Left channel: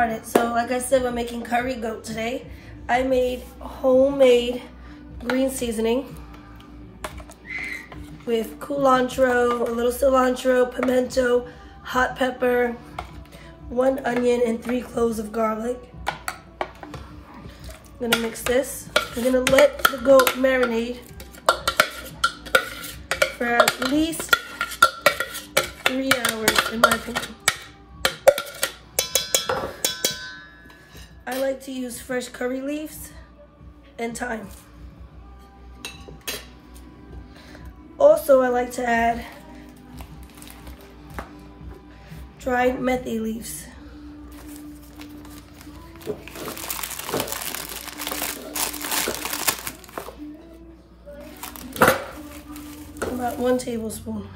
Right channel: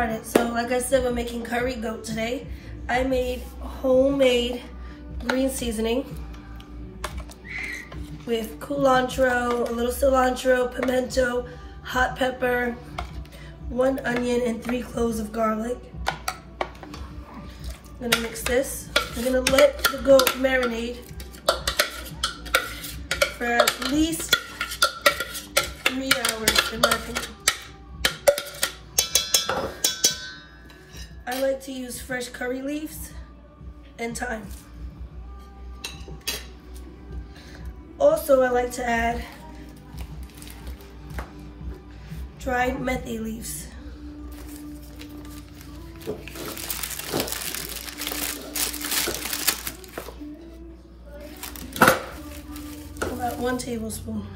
started. So like I said, we're making curry goat today. I made homemade green seasoning with culantro, a little cilantro, pimento, hot pepper, 1 onion, and 3 cloves of garlic. I'm gonna mix this. We're gonna let the goat marinate for at least 3 hours, in my opinion. I like to use fresh curry leaves and thyme. Also, I like to add dried methi leaves. About 1 tablespoon.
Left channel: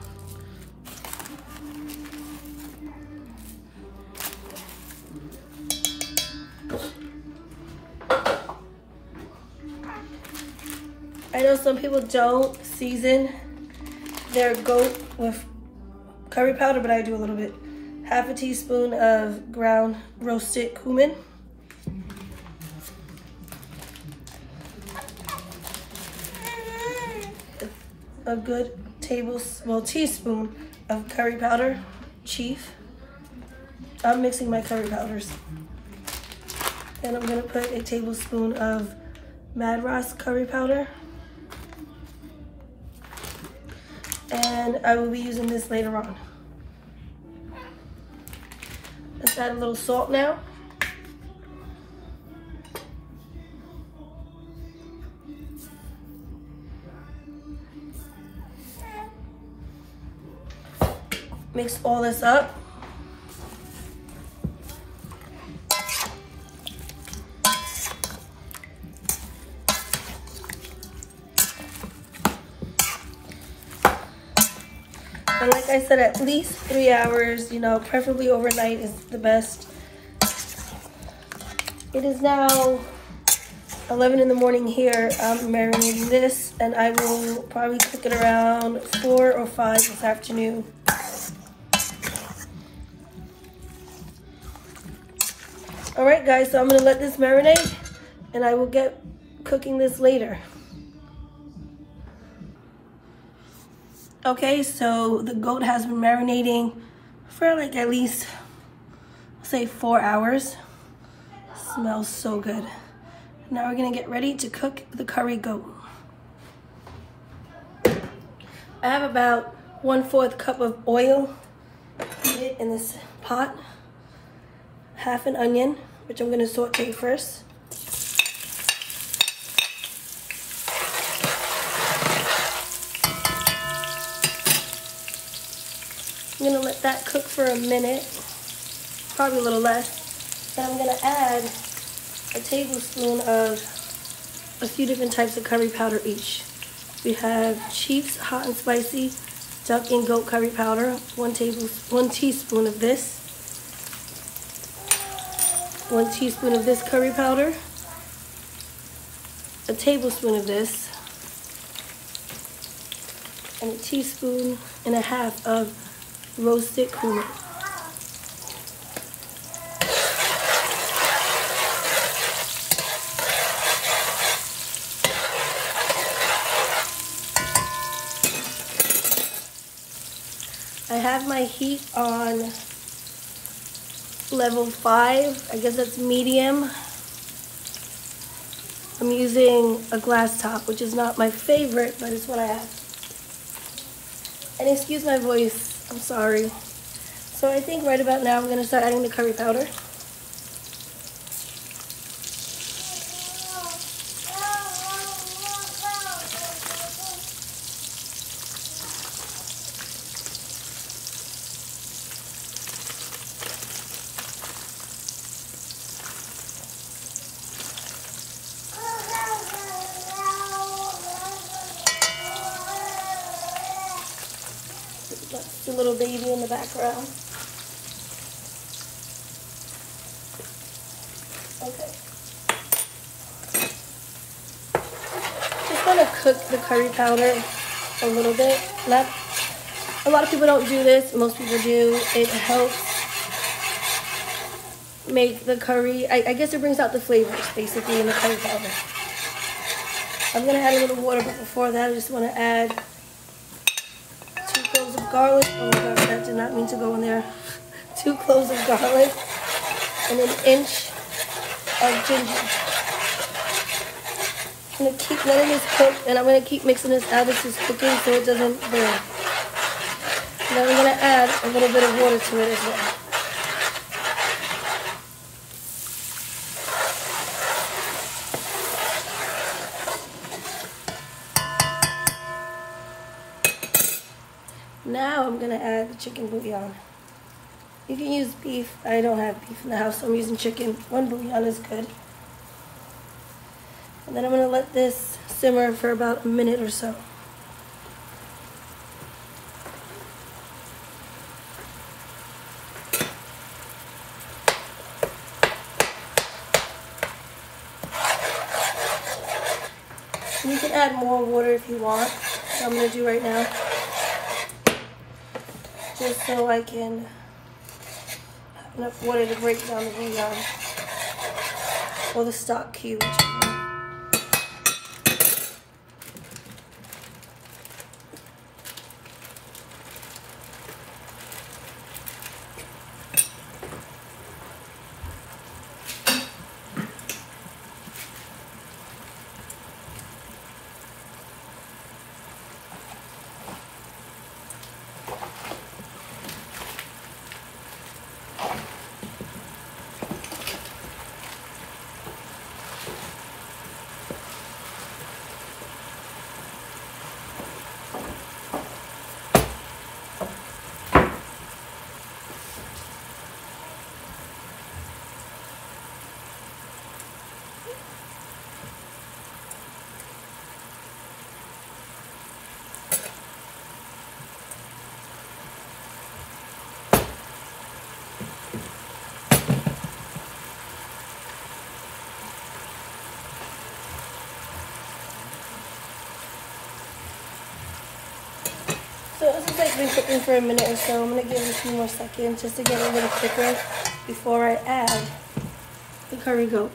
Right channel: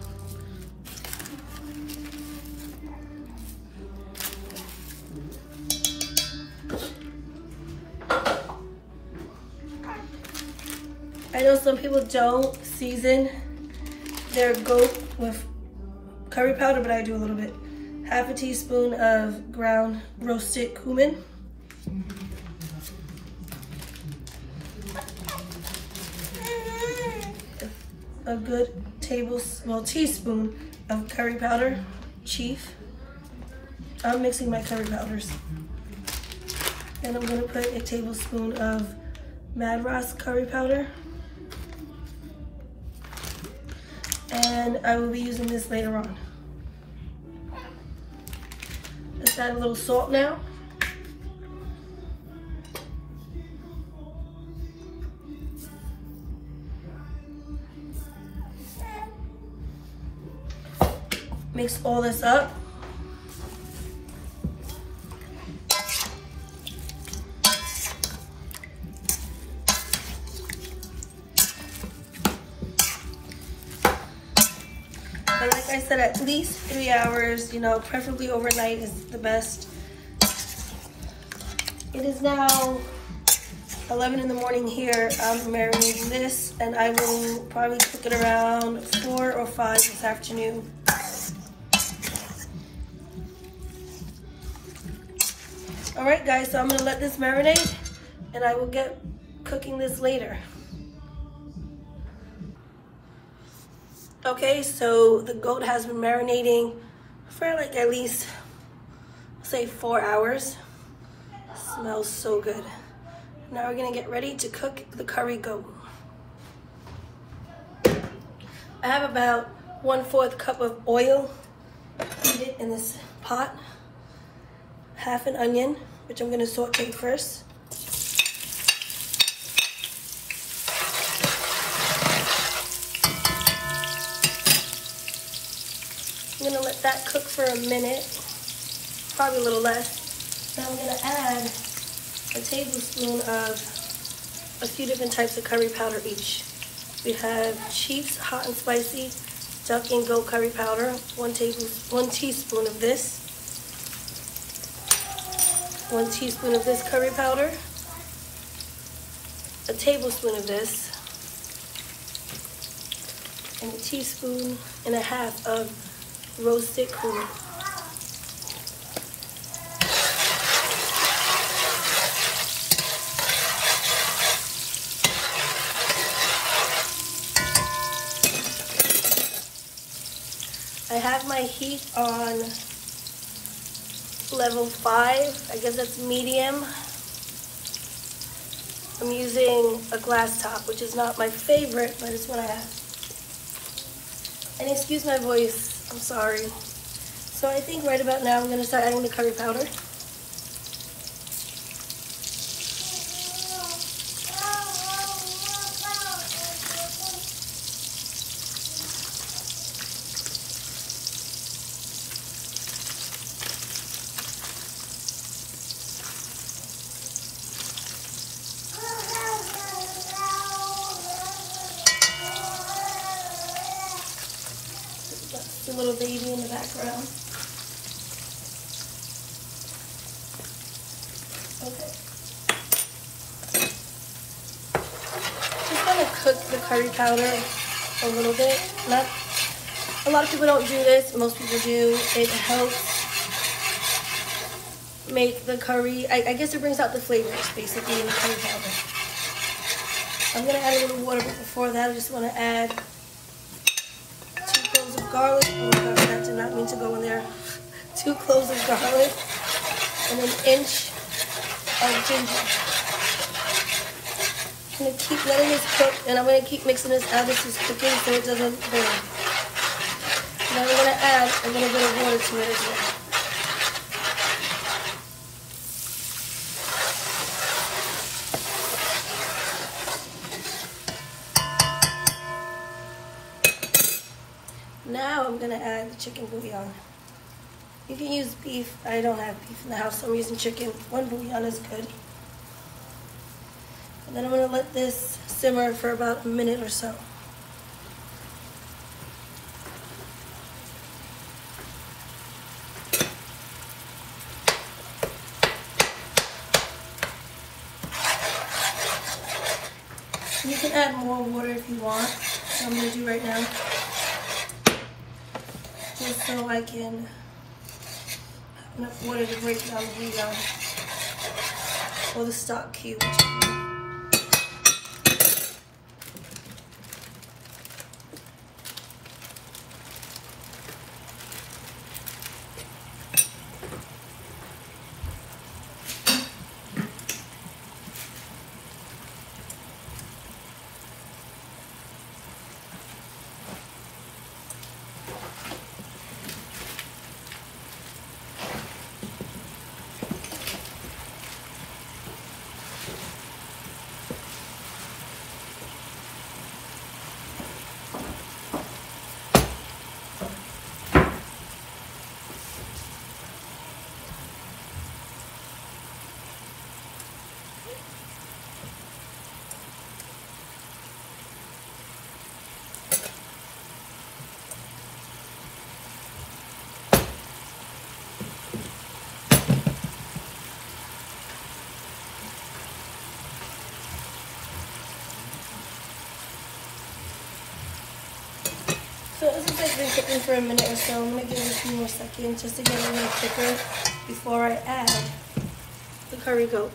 I know some people don't season their goat with curry powder, but I do a little bit. Half a teaspoon of ground roasted cumin. A good teaspoon of curry powder, chief. I'm mixing my curry powders. Then I'm gonna put a tablespoon of Madras curry powder. And I will be using this later on. Let's add a little salt now. Mix all this up. And like I said, at least 3 hours, you know, preferably overnight is the best. It is now 11 in the morning here. I'm marinating this, and I will probably cook it around 4 or 5 this afternoon. All right, guys, so I'm gonna let this marinate, and I will get cooking this later. Okay, so the goat has been marinating for like at least, say, 4 hours. Smells so good. Now we're gonna get ready to cook the curry goat. I have about 1/4 cup of oil heated in this pot. Half an onion, which I'm gonna saute first. I'm gonna let that cook for a minute, probably a little less. Then I'm gonna add a tablespoon of a few different types of curry powder each. We have Chief's Hot and Spicy Duck and Goat Curry Powder, 1 teaspoon of this. 1 teaspoon of this curry powder, a tablespoon of this, and 1.5 teaspoons of roasted cumin. I have my heat on level 5, I guess that's medium. I'm using a glass top, which is not my favorite, but it's what I have. And excuse my voice, I'm sorry. So I think right about now I'm gonna start adding the curry powder. The little baby in the background. Okay. Just gonna cook the curry powder a little bit. Not a lot of people don't do this. Most people do. It helps make the curry, I guess it brings out the flavors basically in the curry powder. I'm gonna add a little water, but before that I just wanna add 2 cloves of garlic. Oh my God, that did not mean to go in there. 2 cloves of garlic and an inch of ginger. I'm gonna keep letting this cook, and I'm gonna keep mixing this out as it's cooking so it doesn't burn. And then I'm gonna add a little bit of water to it as well. Now I'm gonna add the chicken bouillon. You can use beef. I don't have beef in the house, so I'm using chicken. 1 bouillon is good. And then I'm gonna let this simmer for about a minute or so. And you can add more water if you want. So I'm gonna do right now. Just so I can have enough water to break down the bouillon or the stock cubes. So this is like been cooking for a minute or so. I'm gonna give it a few more seconds just to get it a little thicker before I add the curry goat.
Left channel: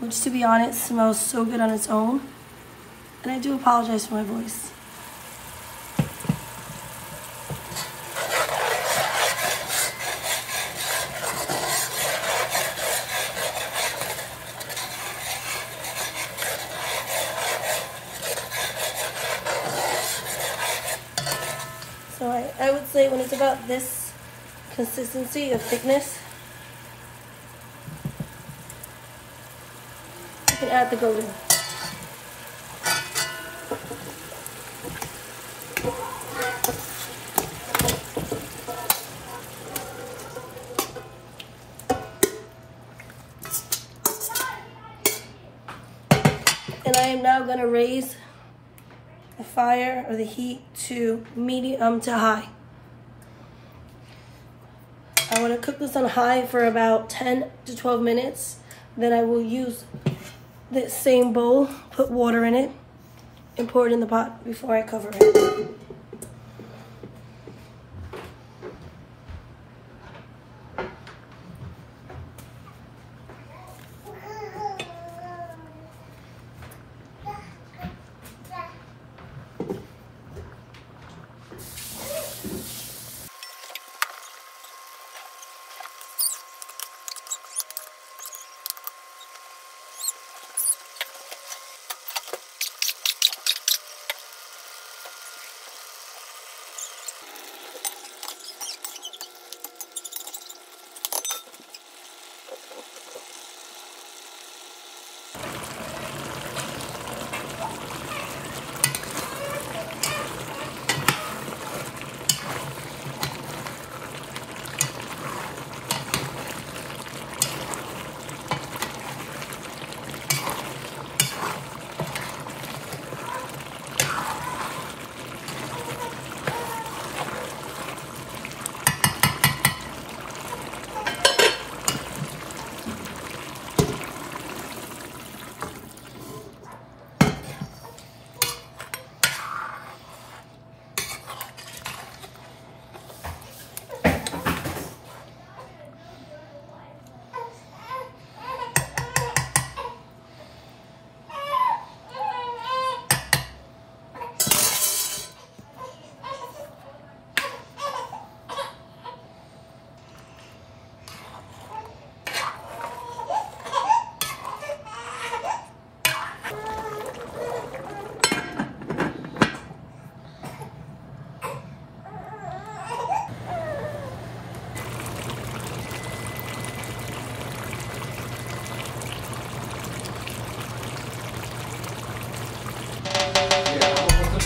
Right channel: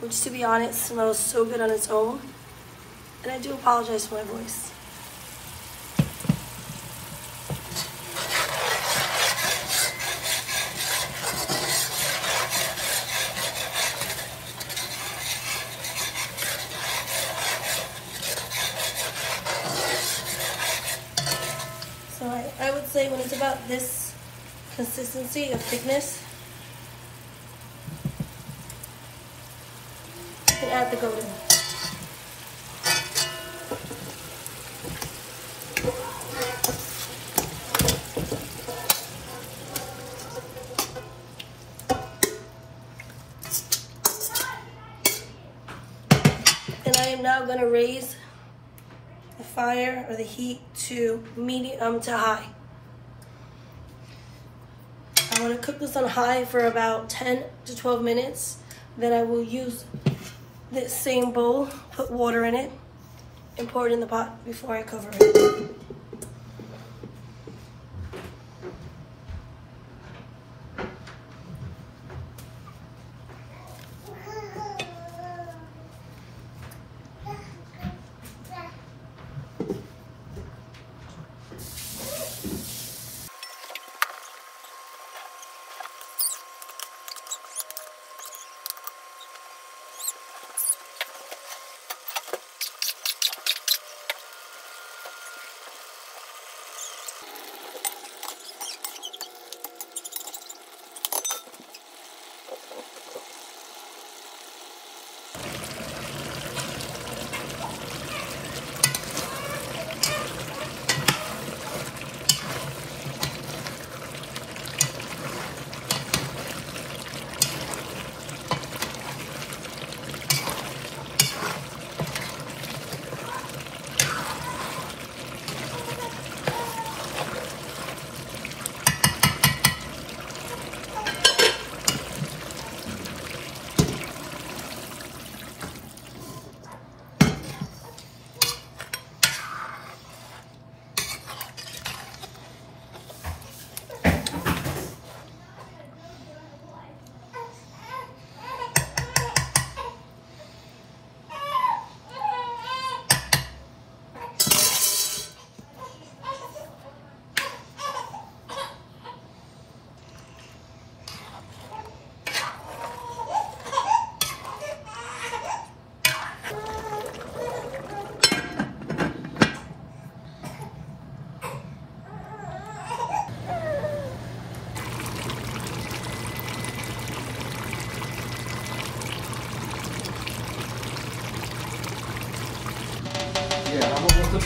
Which, to be honest, smells so good on its own. And I do apologize for my voice. So I would say when it's about this consistency of thickness, you can add the goat in. And I am now going to raise the fire or the heat to medium to high. I want to cook this on high for about 10 to 12 minutes. Then I will use this same bowl, put water in it, and pour it in the pot before I cover it.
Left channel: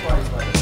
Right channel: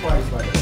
twice, right?